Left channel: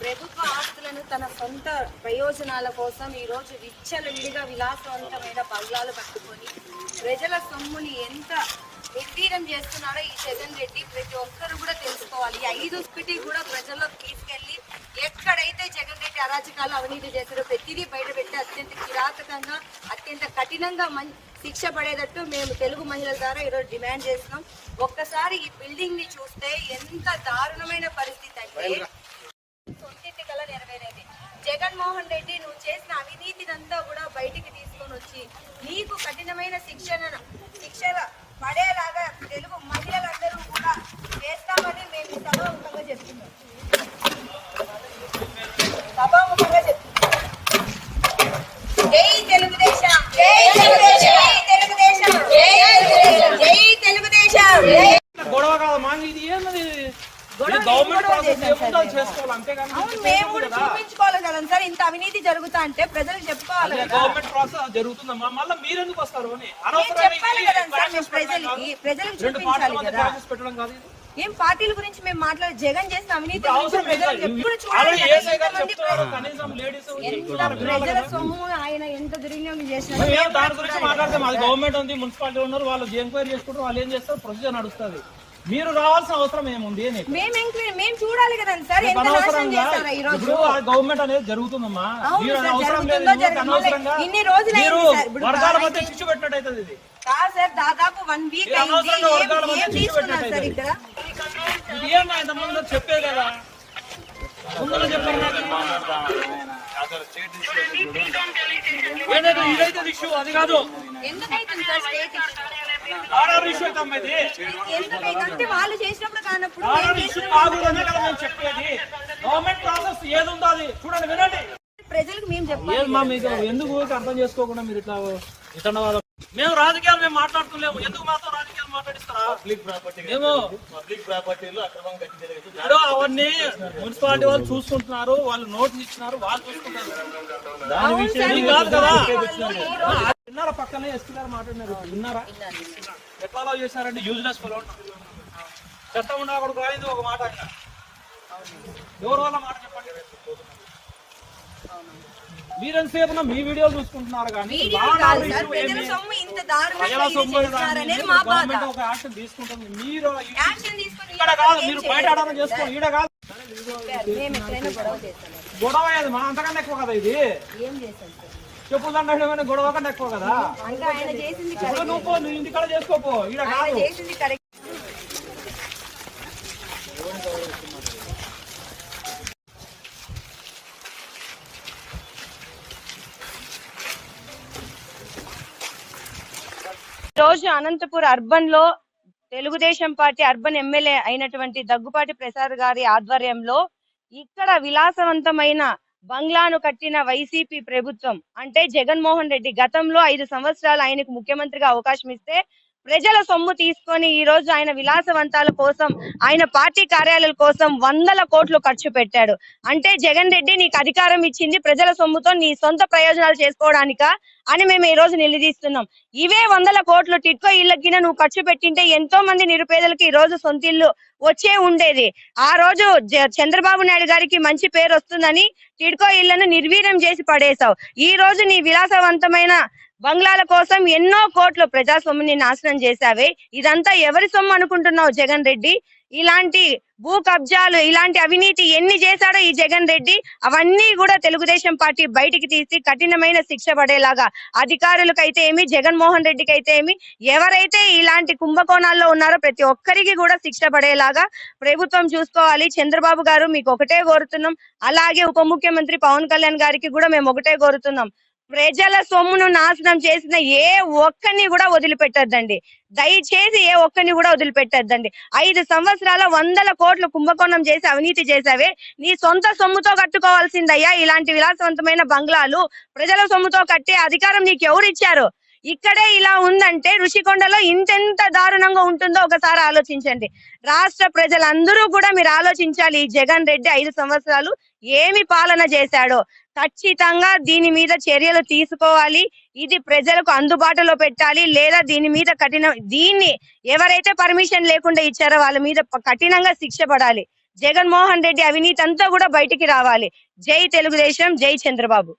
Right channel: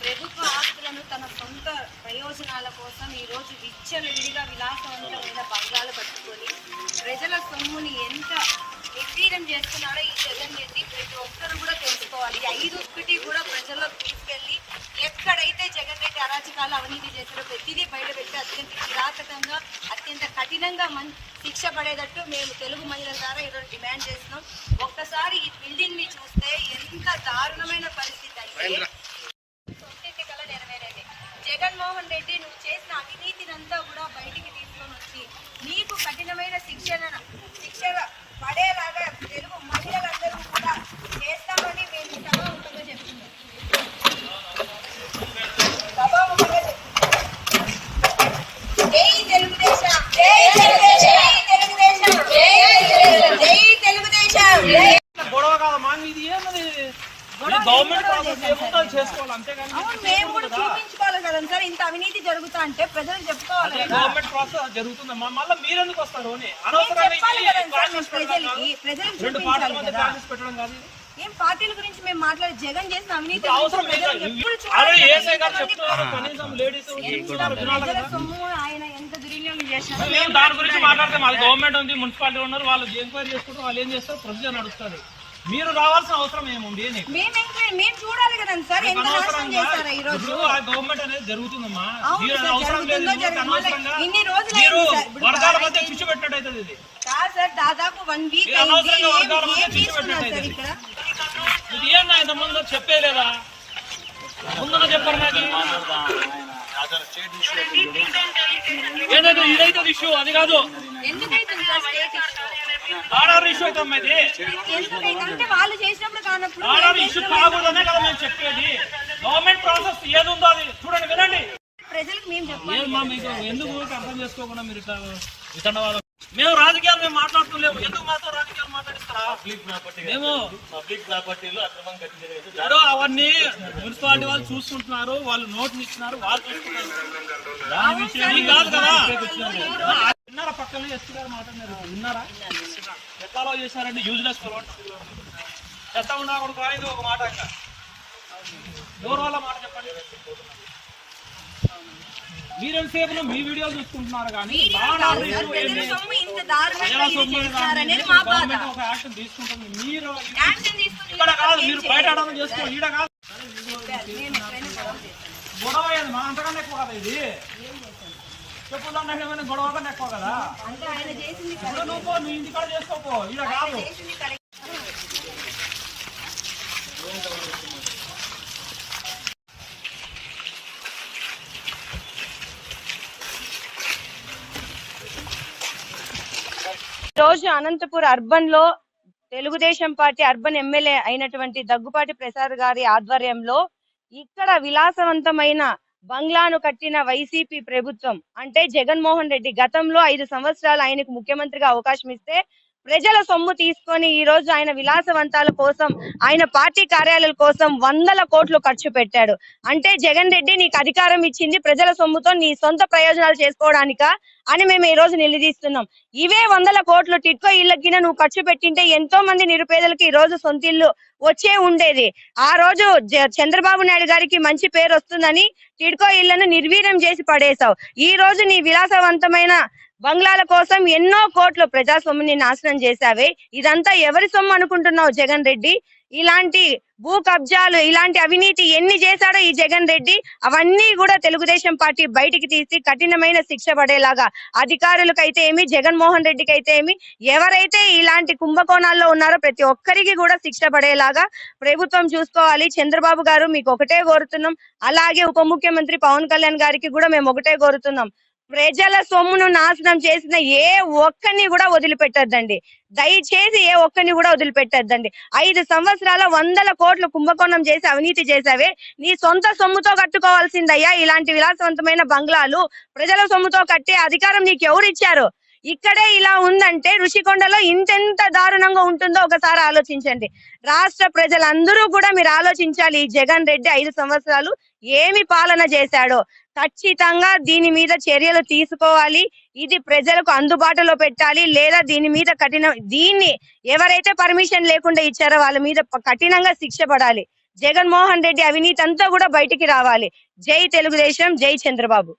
ప్రభుత్వ ఆస్తులను తన సొంత ప్రయోజనాల కోసం ఈరోజు విచ్చలవిడిగా విలాసవంతమైన బంగ్లాలు కట్టుకొని ప్రజల సొమ్ముని ఎంత నిర్వీర్యం చేస్తున్నారో ఈ జగన్ రెడ్డి ప్రతి ఒక్కరు కూడా తెలుసుకోవాలి. 5 కూడా ప్రజల్లో తీసుకెళ్లి ఎక్కడైతే జగన్ రెడ్డి అరాచకాలు అవినీతి చేస్తారో ప్రతిదీ బయటపెట్టి అత్యంత కిరాతకంగా అత్యంత కఠినంగా శిక్ష పడేటట్టు మేము తెలుగు మహిళల ద్వారా ఈరోజు డిమాండ్ చేస్తున్నాం. ఒక్కసారి ఈ బిల్డింగ్ ని చూస్తే ఎంత దారుణమైన పరిస్థితి అంటే సొంతింటి కల నెరవేరేది. జగన్మోహన్ రెడ్డి నువ్వు చేసిన అవినీతినంతా కూడా బయటికి తీసుకొని వచ్చి నీకు కఠినమైన శిక్ష పడేలాగా తెలుగు మహిళలందరూ కూడా చేస్తామని మేము సభాముఖంగా చెప్తున్నాం. జై తెలుగుదేశం, జై తెలుగుదేశం, జై తెలుగుదేశం, జై తెలుగుదేశం. గొడవ కాదు మాకు ఇది ఏమది గవర్నమెంట్ ప్రాసెస్ ఏముందో చేసుకోవాలి అంతేగాని మేము కూడా చూపించుకోవాలి కదా సార్. ఇంత అవినీతి జరుగుతా అంటే ప్రజలు చెప్పుకోవాలి. గవర్నమెంట్ ప్రాసెస్ జరుగుతుందమ్మా, మళ్ళీ మీరు ఎందుకు వస్తారు అని అనవసరంగా ప్రజలకు రెండు పార్టీల మధ్య క్లాషెస్ పెట్టడం కాదు. ఏం పార్టీల గురించి మేము మాట్లాడే జగన్ చేసిన అవినీతి అవసరం సొమ్ము ఆయన ఎంత దుర్వినియోగం చేసినా దాని గురించి మాట్లాడితే మాది గవర్నమెంట్ ఉంది, మున్సిపాలిటీ ఉన్నారు, వాళ్ళు ఎంక్వైరీ చేసుకుంటారు, వాళ్ళు ఏం చేస్తారు, ప్రొసీజర్ నడుస్తుంది. మీరు రావాల్సిన అవసరం ఏముంది? మేము చూడాలి కదా సార్. అనవసరంగా ఇప్పుడు గవర్నమెంట్ అనేది జరుగుతుందమ్మా, మీరు అవసరం లేదు. అనవసరంగా మీరు వర్గాల మధ్య చిచ్చు పెట్టినట్టు అవుతుంది. ఇది దాదాపు 1 వీక్ అనవసరంగా వర్గాల మధ్య చిచ్చు పెట్టినట్టు అవుతుంది. ఇది ఏమన్నా ఇంత ముందు చెప్పేదేదా? ముందు చెప్పారు ఏదైతే ఇదైతే ఇష్యూ అది కాదు. ఆర్డర్ ఇష్యూ అయితే అమ్మా ఇది వాళ్ళు చేసినప్పుడు కానప్పుడు ఆర్డర్ ఇష్యూ కాకూడదనే కదా మేము చెప్పేది. గవర్నమెంట్ ప్రాసెస్ ఏది ఉందో అది చూడండి, వినండి. ప్రజలకు మేము చెప్పాలి. మీకు ఎందుకు అర్థం చేసుకోకుండా మీరు ఇట్లా వితండవాదం? మేము రాజకీయాలు మేము మాట్లాడుతున్నాము, ఎందుకు మాతో రాజకీయాలు మాట్లాడిస్తారా? పబ్లిక్ ప్రాపర్టీలు అక్రమం ఇప్పుడు అవన్నీ మున్సిపాలిటీ వాళ్ళు చూసుకుంటున్నారు, వాళ్ళు నోటీస్ ఇచ్చినారు, వాళ్ళు చూసుకుంటారు. దాని విషయం కాదు కదా. విన్నారా? పక్కనే ఎస్పీ గారు మాట్లాడినారు, విన్నారా? ఎట్లా చేశారంటే యూజ్లెస్ చెత్త ఉన్నా కూడా అనేది ఒక మాట. ఇంకా ఎవరు వాళ్ళ మాట చెప్పండి. మీరెంతసేపు మీ వీడియోలు చూసుకుంటున్నారు కానీ గవర్నమెంట్ ఒక యాక్షన్ తీసుకుంటుంది. మీరు ఇక్కడ కాదు, మీరు బయట అడగడం చేసుకోండి, ఈడ కాదు. గొడవ అయ్యేది మా అంతకన్నా ఎక్కువ కదా. ఇది చెప్పుదంటే గొడవ కన్నా ఎక్కువ కదా. నువ్వు ఇంటికాడ చేసుకోపో, ఈడ కాదు. రోజు అనంతపూర్ అర్బన్ లో తెలుగుదేశం పార్టీ అర్బన్ ఎమ్మెల్యే అయినటువంటి దగ్గుపాటి ప్రసాద్ గారి ఆధ్వర్యంలో ఇక్కడ విలాసవంతమైన బంగ్లాను కట్టిన వైసీపీ ప్రభుత్వం అంటే జగన్మోహన్ రెడ్డి గతంలో 5 సంవత్సరాలు ఆయనకు ముఖ్యమంత్రిగా అవకాశం ఇస్తే ప్రజల సొమ్ము తీసుకొని ఈ రోజు ఆయన విలాసవంతాల కోసం ఆయన పార్టీ కార్యాలయాల కోసం 100 కోట్లు ఖర్చు పెట్టాడు. అంటే జగన్ రెడ్డి నీకు అధికారం ఇచ్చింది ప్రజల సొమ్ముతో నీ సొంత ప్రయోజనాలు చేసుకోవడానికా అని మేము ఈ రోజు నిలదీస్తున్నాం. ఇవే 100 కోట్లు టిట్కో ఇళ్లకి నువ్వు ఖర్చు పెట్టింటే ఎంతో మంది నిరుపేదలకి ఈ రోజు సొంత ఇల్లు వచ్చే ఉండేది. ఆ రోజు చంద్రబాబు నాయుడు గారికి మంచి పేరు వస్తుందని టిట్కో ఇళ్లను నిర్వీర్యం చేసి పడేశావు. ఈ రోజు నీ విలాసవంతమైన బంగ్లాల కోసం ఎన్నో కోట్లు ప్రజా సొమ్ముని నాశనం చేశావే. ఇదంతా ఎవరి సొమ్ము అనుకుంటున్నావు జగన్ రెడ్డి? ఇలాంటి భూ కబ్జాలు ఇలాంటి అవినీతి ఎన్ని చేశాడో ఈ జగన్ రెడ్డి అవన్నీ కూడా తెలుగుదేశం పార్టీ బయటికి తీసి కఠినమైన శిక్ష పడేలాగా అధికారులకైతే ఏమి జగన్మోహన్ రెడ్డికి అయితే ఏమి ఎవరైతే ఇలాంటి కుంభకోణాల్లో ఉన్నారో ప్రతి ఒక్కరికి కూడా శిక్ష పడేలాగా ప్రభుత్వం చూసుకోవాలి. చంద్రబాబు గారు మీకు ఒకటే కోరుతున్నాం, అలాగే ఉప ముఖ్యమంత్రి పవన్ కళ్యాణ్ గారికి కూడా మేము ఒకటే కోరుతున్నాం. ప్రజల సొమ్మును నాశనం చేసిన ఏ ఒక్కరిని కూడా వదిలిపెట్టద్దండి. దయచేసి ఏ ఒక్కరిని కూడా వదిలిపెట్టద్దండి. 5 సంవత్సరాల 100 కోట్లు కుంభకోణం చేసి అవినీతి చేసావే, నీ సొంత సొమ్ముతో కట్టుకోవాల్సిందయ్యా. ఇలాంటి విలాసవంతమైన బంగ్లాలు ప్రజల సొమ్ముతో కట్టే అధికారం నీకు ఎవరు ఇచ్చారు? ఇక్కడే ఇలా ఉందంటే ఋషికొండలో ఇంతెంత దారుణంగా ఉంటుందో ఒకసారి ఆలోచించండి. రాష్ట్ర ప్రజలందరూ కూడా మీరు ఆలోచించాలి. ఈ జగన్ రెడ్డి 5 సంవత్సరాలు ఏమి పాలన చేశాడో. ఖచ్చితంగా దీని మీద చర్యలు తీసుకోవాలి. ఇది ప్రజలకు అందుబాటులో పెట్టాలి. లేదా దీని మీద దీన్ని ఎవరైతే పర్మిషన్ లేకుండా ఇచ్చారో వాళ్ళ మీద కఠినంగా శిక్ష పడాలి. జగన్మోహన్ రెడ్డి అవినీతి అంతా కూడా బయటికి రావాలి. జై తెలుగుదేశం, జై చంద్రబాబు.